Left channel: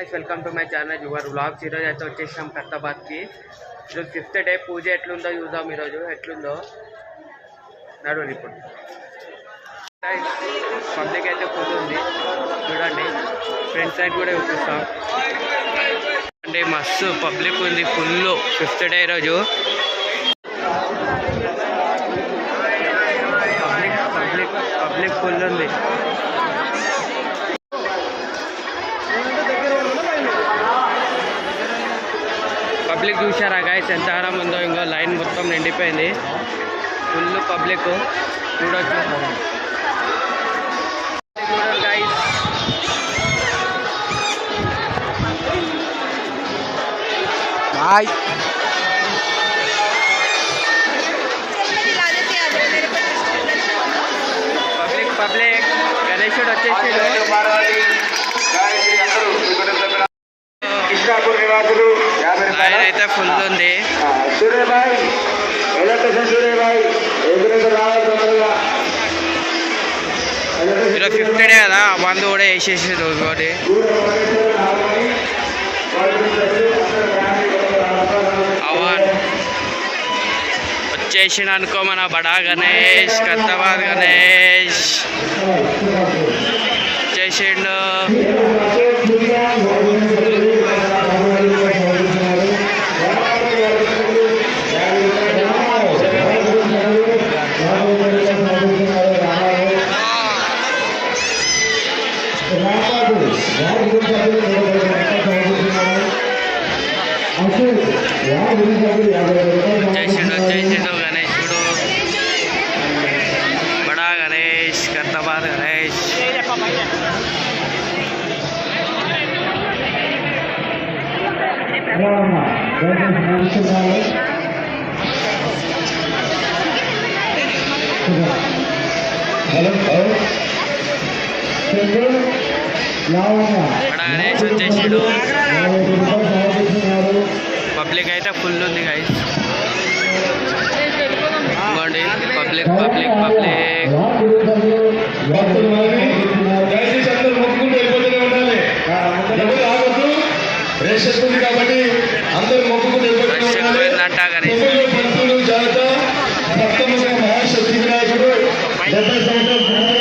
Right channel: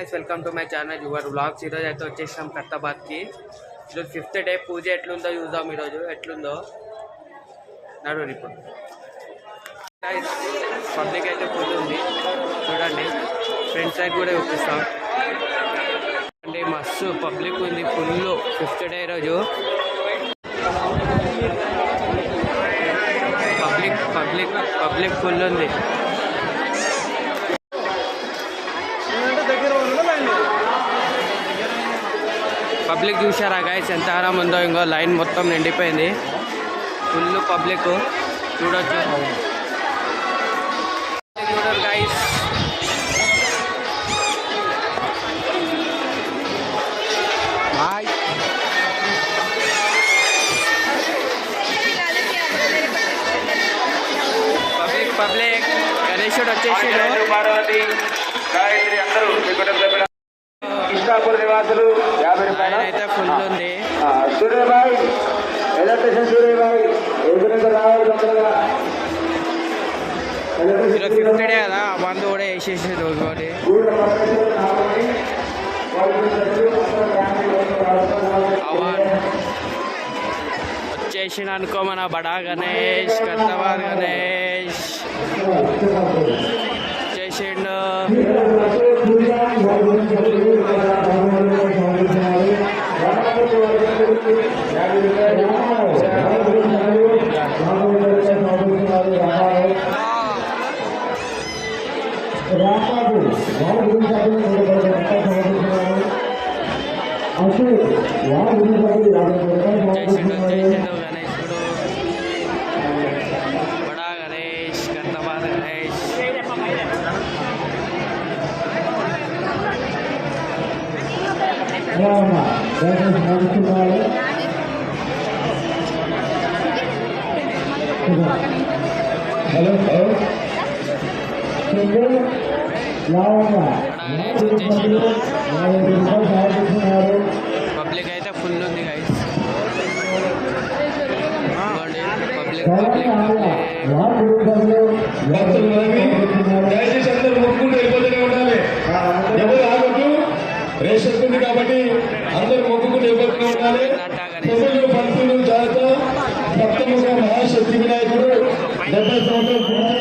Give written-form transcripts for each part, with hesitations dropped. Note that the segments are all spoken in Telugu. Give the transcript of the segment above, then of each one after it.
Welcome to my channel your vlogs. ఈరోజు అయితే వచ్చేసాం కత్తాబాద్కి. ఈరోజు 5th డే. పూజ ఎట్లుందో చూద్దాం. ఈరోజు ఎట్లుందో నడువు. ఇప్పుడు పబ్లిక్ అయితే ఫుల్ ఉంది చూడండి. ఫ్రంట్ సైడ్ కూడా చూపిస్తాం అంటే మస్తు పబ్లిక్ ఉంది ఫుల్. 5th డే రోజు పబ్లిక్ ఫుల్ ఉంది. పబ్లిక్ చూసారా గాయస్ ఎంత ఆరాం ఉందో. ఇంకో లైన్ మొత్తం నిండిపోయింది. ఫుల్ పబ్లిక్ చూడొచ్చు. చూడరు గాయస్. బాయ్. పబ్లిక్ గణేశుడు వచ్చేసి లైన్ అయితే ఫుల్ ఉంది. ఈరోజు 5th డే కదా, మందు కూడా వేసేసి రోజు ఒకటి. అవాన్ వచ్చేసిన అనుకో మన బడా గణేష్, కత్తాబాద్ గణేష్ వచ్చేసిండు. వచ్చేసిండు గణేశుడు, బడా గణేష్, కత్తాబాద్ గణేష్. బడా గణేష్ వచ్చేసాడు. పబ్లిక్ అయితే ఫుల్ ఉంది గైస్. ఇంకోండి పబ్లిక్ పబ్లిక్ పబ్లిక్ కాబట్టి అందరూ పోయిందంట గణేష్. మహాశక్తి వినాయకుడు 70 సంవత్సరాలు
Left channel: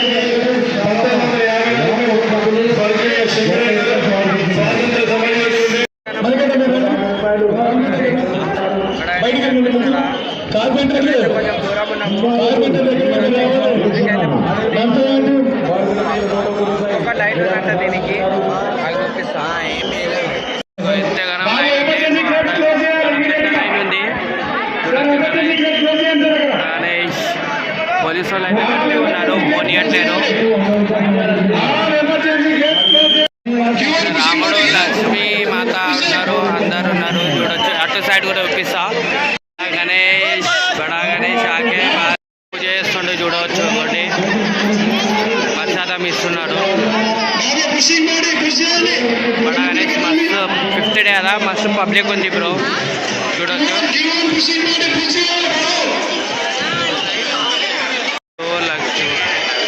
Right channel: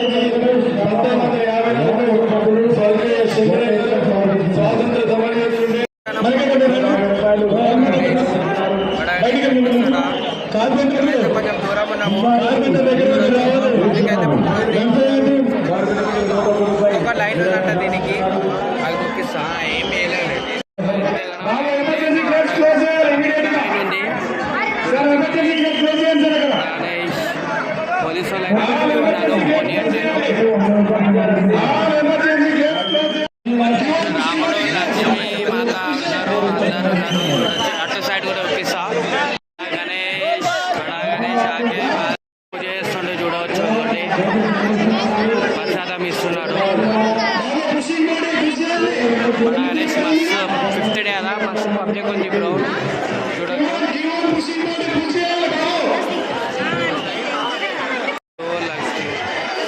1950 స్వర్గీయ స్వాతంత్ర సమయంలో కొంచెం దూరం ఉన్నాము. ఒక లైన్ ఉందంట దీనికి, అది చూపిస్తా. ఎంతగానో లైన్ ఉంది. గణేష్ పోలీసు వాళ్ళు అయితే అట్లే ఉన్నారు, పోనీయట్లేరు. రాముడు, లక్ష్మి మాత ఉన్నారు, అందరు ఉన్నారు చూడొచ్చు. అటు సైడ్ కూడా చూపిస్తా. గణేష్, బడా గణేష్ ఆకే పూజ చేస్తుండే చూడవచ్చు. ఒకటి ప్రసాదం ఇస్తున్నాడు. బడా గణేష్ మస్తు 5th డే కదా, మస్తు పబ్లిక్ ఉంది బ్రో చూడొచ్చు. లక్ష్మి,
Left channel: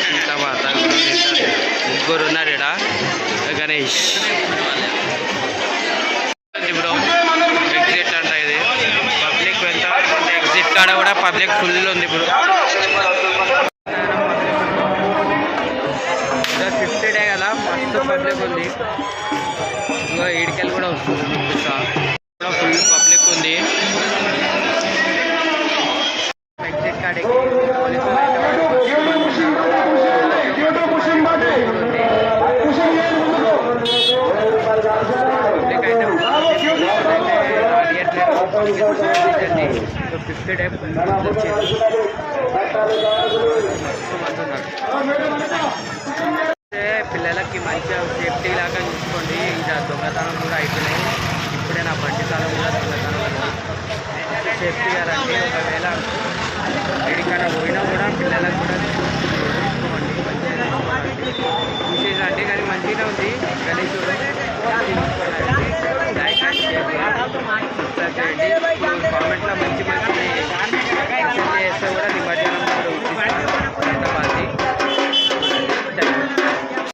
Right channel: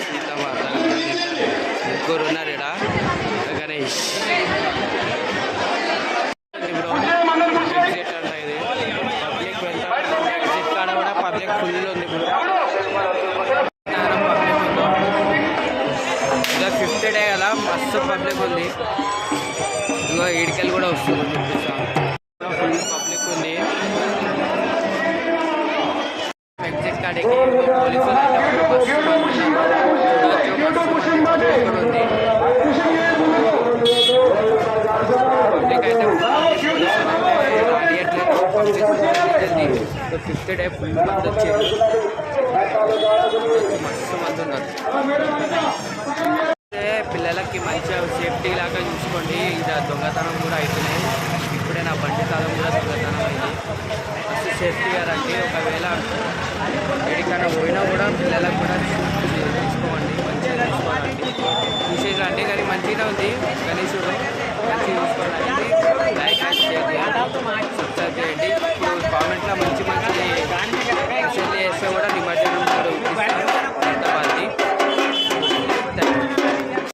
సీతమాత ముగ్గురు ఉన్నారు ఇక్కడ. గణేష్ బ్రో ఎగ్జిట్ అంట ఇది. పబ్లిక్ ఎంత ఎగ్జిట్ కాడ కూడా పబ్లిక్ ఫుల్ ఉంది బ్రో. 5th డే కదా, మస్తు పబ్లిక్ ఉంది. ఇదిగో ఈడికల్ కూడా వస్తుంది చూపిస్తా. ఫుల్ పబ్లిక్ ఉంది. ఎగ్జిట్ కాడికి పోలీసులు అయితే మస్తు మంది ఉన్నారు చూడవచ్చు. మస్తు మంది పబ్లిక్ కూడా ఉంది. పబ్లిక్ అయితే పోలీసులు అయితే రానియట్లేదు. 5th డే ఫుల్ మంది వచ్చారు చూడవచ్చు. మస్తు మంది ఉన్నారు. పిల్లలకి మంచిగా సేఫ్టీ లాగా చూసుకోండి. ఇంకా దొంగతనం కూడా అయిపోయినాయి. ఇప్పుడే నా బండి కాలం కూడా దొంగతనం అయింది. మస్తు సేఫ్టీగా రండి. ఒకవేళ ఎక్కడికైనా పోయినా కూడా పిల్లలకు కూడా చూసుకోండి, మంచిగా చూసుకోవాలండి. చూసేసండి కానీ మంచిగా ఉంది గణేశుడు. మంచిగా చూసుకోవాలండి. లైక్ అండ్ షేర్ చేయండి, సబ్స్క్రైబ్ చేయండి. ఇప్పుడు కామెంట్లో మంచి